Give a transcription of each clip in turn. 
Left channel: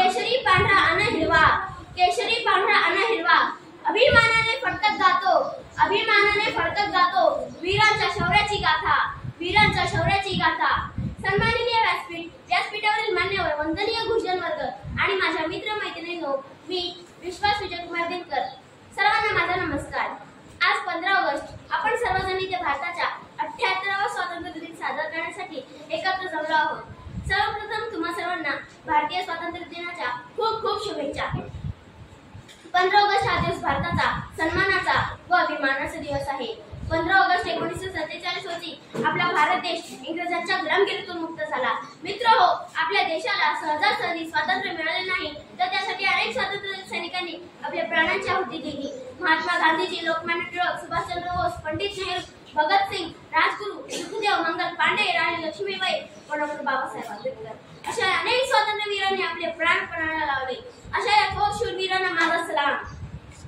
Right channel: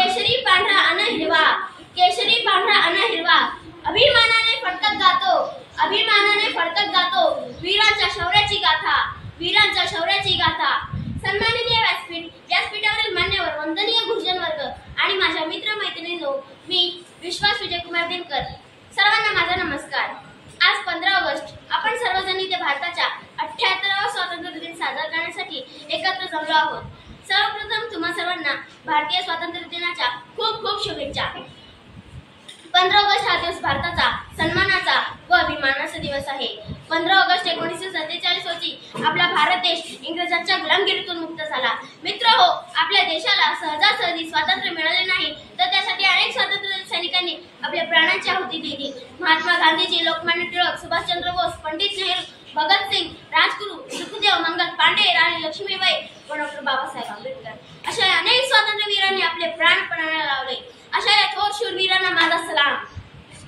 केशरी पांढरा अन हिरवा, केशरी पांढरा अन हिरवा, अभिमानाने फडकत गातो, अभिमानाने फडकत गातो, वीरांच्या शौर्याची गाथा, वीरांच्या शौर्याची गाथा। सन्माननीय व्यासपीठावरील मान्यवर, वंदनीय गुरुजन वर्ग आणि माझ्या मित्र मैत्रिणींनो, मी विश्वास विजयकुमार दिनकर, सर्वांना माझा नमस्कार। आज 15 ऑगस्ट आपण सर्वजण इथे भारताच्या 78वा स्वातंत्र्य दिन साजरा करण्यासाठी एकत्र जमलो आहोत। सर्वप्रथम तुम्हा सर्वांना भारतीय स्वातंत्र्य दिनाच्या खूप खूप शुभेच्छा। 15 ऑगस्ट हा दिवस भारताचा सन्मानाचा व अभिमानाचा दिवस आहे। 15 ऑगस्ट 1947 रोजी आपला भारत देश इंग्रजांच्या गुलामगिरीतून मुक्त झाला। मित्रहो, आपल्या देशाला सहजासहजी स्वातंत्र्य मिळाले नाही, तर त्यासाठी अनेक स्वातंत्र्य सैनिकांनी आपल्या प्राणांची आहुती दिली। महात्मा गांधीजी, लोकमान्य टिळक, सुभाषचंद्र बोस, पंडित नेहरू, भगतसिंग, राजगुरू, सुखदेव, मंगल पांडे, राणी लक्ष्मीबाई व डॉक्टर बाबासाहेब आंबेडकर अशा अनेक स्वातंत्र्यवीरांनी आपले प्राण पणाला लावले। अशा या थोर शूरवीरांना माझा सलाम।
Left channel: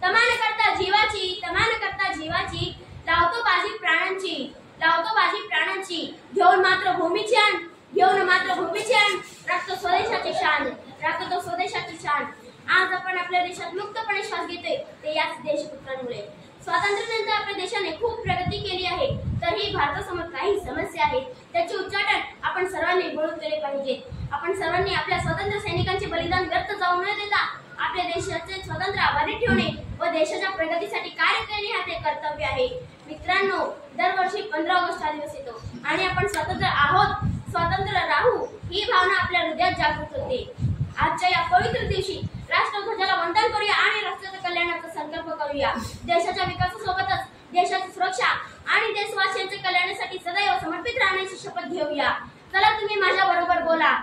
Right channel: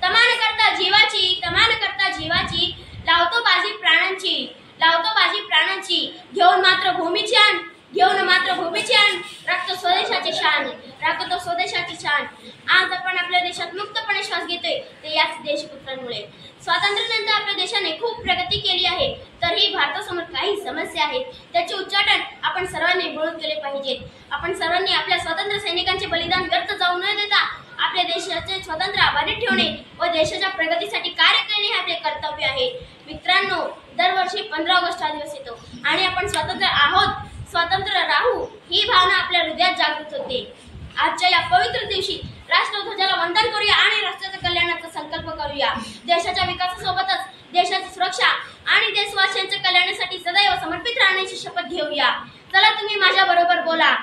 तमान करता जीवाची, तमान करता जीवाची, लावतो बाजी प्राणांची, लावतो बाजी प्राणांची, घेऊन मात्र भूमीची आण, घेऊन मात्र भूमीची आण, राखतो स्वदेशाची शान, राखतो स्वदेशाची शान। आज आपण आपल्या देशात मुक्तपणे श्वास घेतोय ते याच देशपुत्रांमुळे। स्वातंत्र्यानंतर आपल्या देशाने खूप प्रगती केली आहे, तरीही भारतासमोर काही समस्या आहेत। त्याचे उच्चाटन आपण सर्वांनी मिळून केले पाहिजेत। आपण सर्वांनी आपल्या स्वातंत्र्य सैनिकांचे बलिदान व्यर्थ जाऊ न देता आपल्या देशाचे स्वातंत्र्य अबाधित ठेवणे व देशाच्या प्रगतीसाठी कार्य करणे हे आपले कर्तव्य आहे। मित्रांनो, दरवर्षी 15 ऑगस्ट हा दिवस येतो आणि आपण स्वतंत्र आहोत, स्वतंत्र राहू ही भावना आपल्या हृदयात जागृत होते। आजच्या या पवित्र दिवशी राष्ट्रध्वजाला वंदन करूया आणि राष्ट्राच्या कल्याणाचा संकल्प करूया। देशाच्या विकासासोबतच देशाची सुरक्षा आणि देशवासियांच्या कल्याणासाठी सदैव समर्पित राहण्याची शपथ घेऊया। चला तुम्ही माझ्या बरोबर बोला,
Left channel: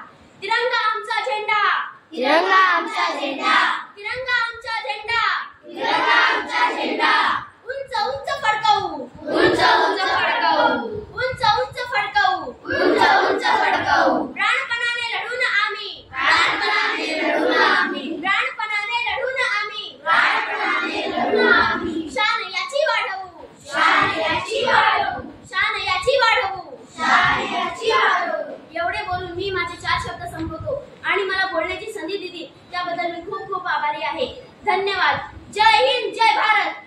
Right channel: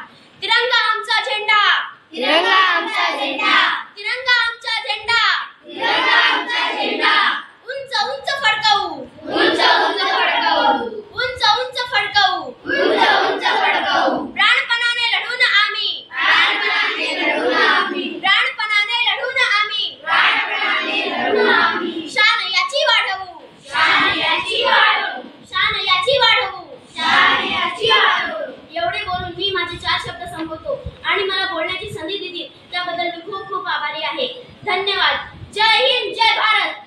तिरंगा आमचा झेंडा, तिरंगा आमचा झेंडा, तिरंगा आमचा झेंडा, तिरंगा आमचा झेंडा, उंच उंच फडकावू, उंच उंच फडकावू, उंच उंच फडकावू, उंच उंच फडकावू, प्राणपणाने लढून आम्ही, प्राणपणाने लढून आम्ही, प्राणपणाने लढून आम्ही, प्राणपणाने लढून आम्ही, शान याची वाढवू, शान याची वाढवू, शान याची वाढवू, शान याची वाढवू। एवढे बोलून मी माझे 4 शब्द संपवतो आणि मला बोलण्याची संधी दिली त्याबद्दल मी खूप खूप आभारी आहे। धन्यवाद। जय हिंद, जय भारत।